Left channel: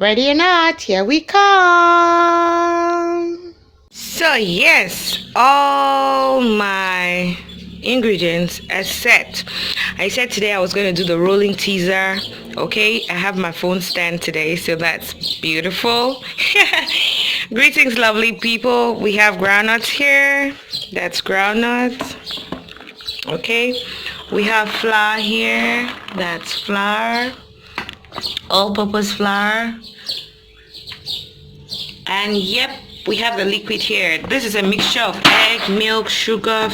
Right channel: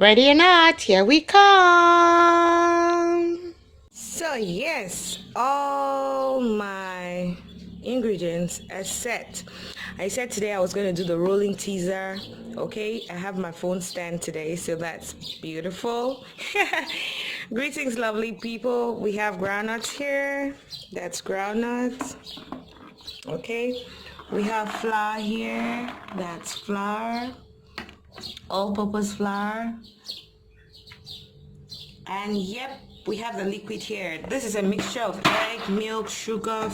Ready or not, here we come. So yes, all my ingredients are set. I said today I was going to do the rolling teaser. Okay, I have my phone stand today, so that's beautiful. Greetings, lovely people. We have groundnuts here. That's groundnuts. Okay, we have flour here. That's flour, all-purpose flour. And yep, we have the liquid here. This is a mixture of egg, milk, sugar,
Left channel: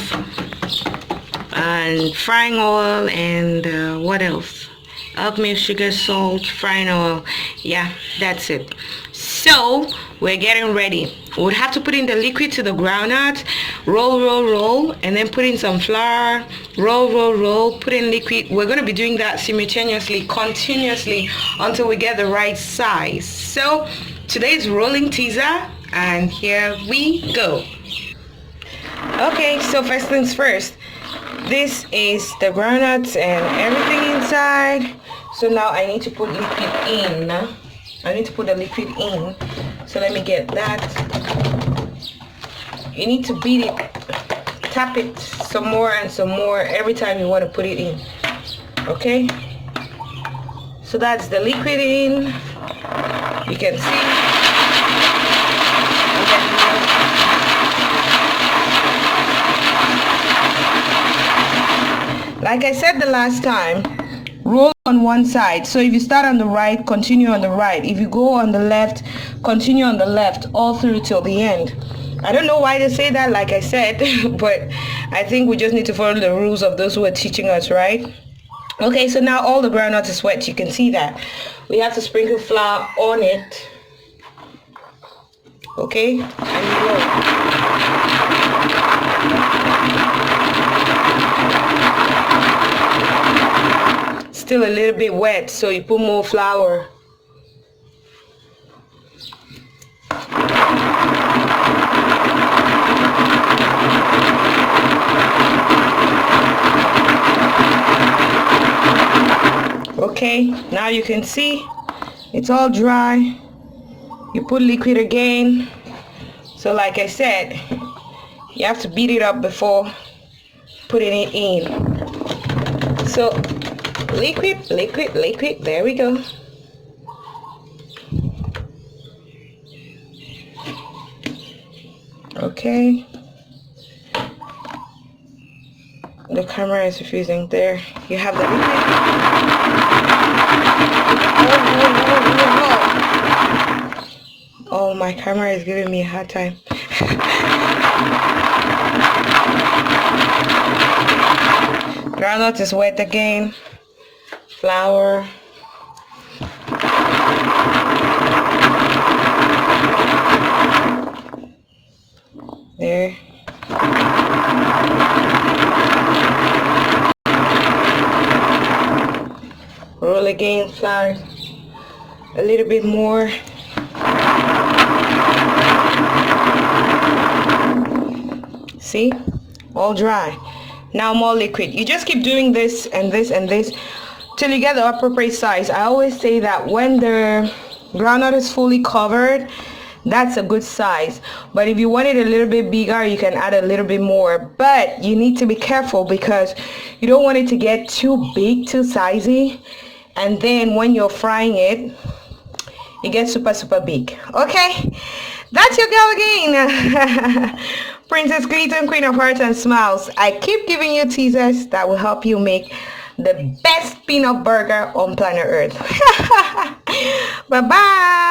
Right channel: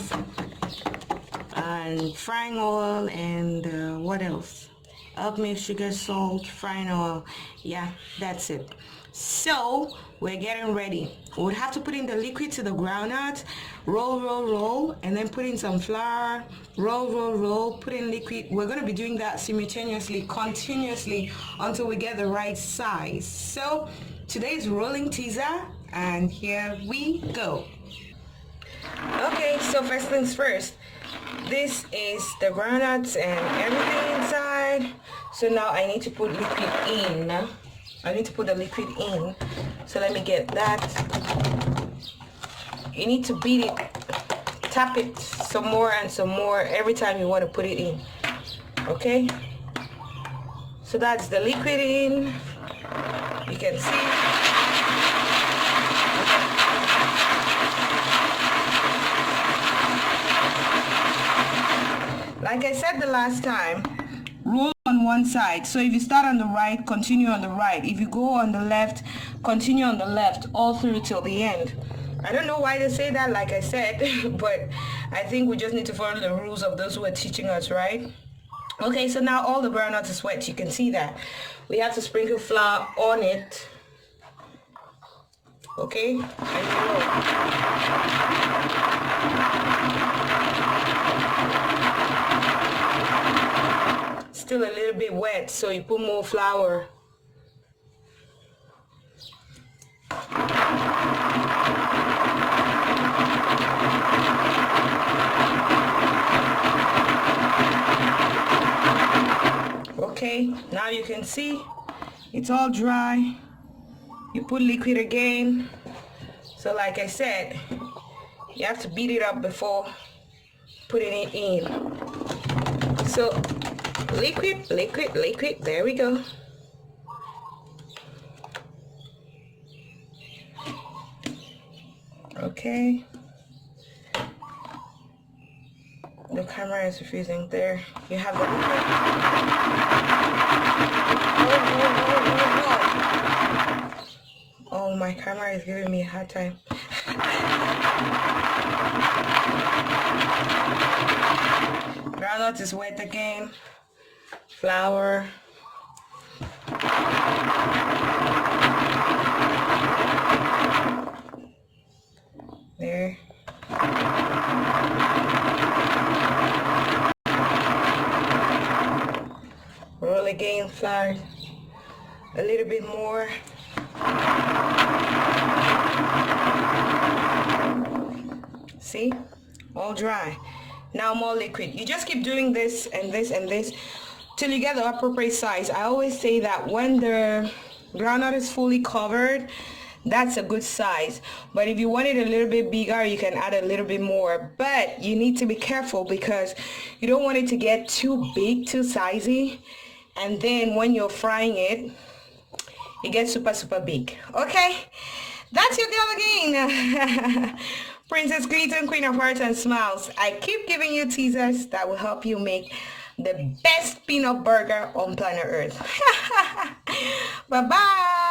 and frying oil, and what else? Egg, milk, sugar, salt, frying oil. Yeah, that's it. So we're getting ready. We would have to put in the liquid to the groundnut, roll, and then put in some flour, roll, put in liquid. We're going to be doing that simultaneously, continuously, until we get the right size. So today's rolling teaser, and here we go. Okay, so first things first. This is the groundnuts and everything inside. So now I need to put liquid in. I need to put the liquid in. So let me get that. You need to beat it, tap it some more and some more every time you want to put it in. Okay? So that's the liquid in. You can see. Like I said the last time, roll on one side. So if you start on the right, continue on the right. If you go on the left, continue on the left all through till the end. I don't know why they say that, like I said, but I think we just need to follow the rules of those who are teaching us, right? Okay, so now all the groundnuts is wet. You can see that. We have to sprinkle flour on it. Okay, still a little bit wet, so you put more flour. Okay, now you can see it's all dry. You put liquid again. So like I said, you have to beat it up before putting it in. So liquid, there we go. Okay. The camera is refusing. There you have the liquid. Oh, my camera is giving me a hard time. Groundnut is wet again. Flour. There. Roll again, flour. A little bit more. See? All dry. Now more liquid. You just keep doing this and this and this till you get the appropriate size. I always say that when the groundnut is fully covered, that's a good size. But if you want it a little bit bigger, you can add a little bit more. But you need to be careful because you don't want it to get too big, too sizey. And then when you're frying it, it gets super big. Okay? That's your girl again. Princess Clayton, Queen of Hearts and Smiles. I keep giving you teasers that will help you make the best peanut burger on planet Earth. Bye-bye.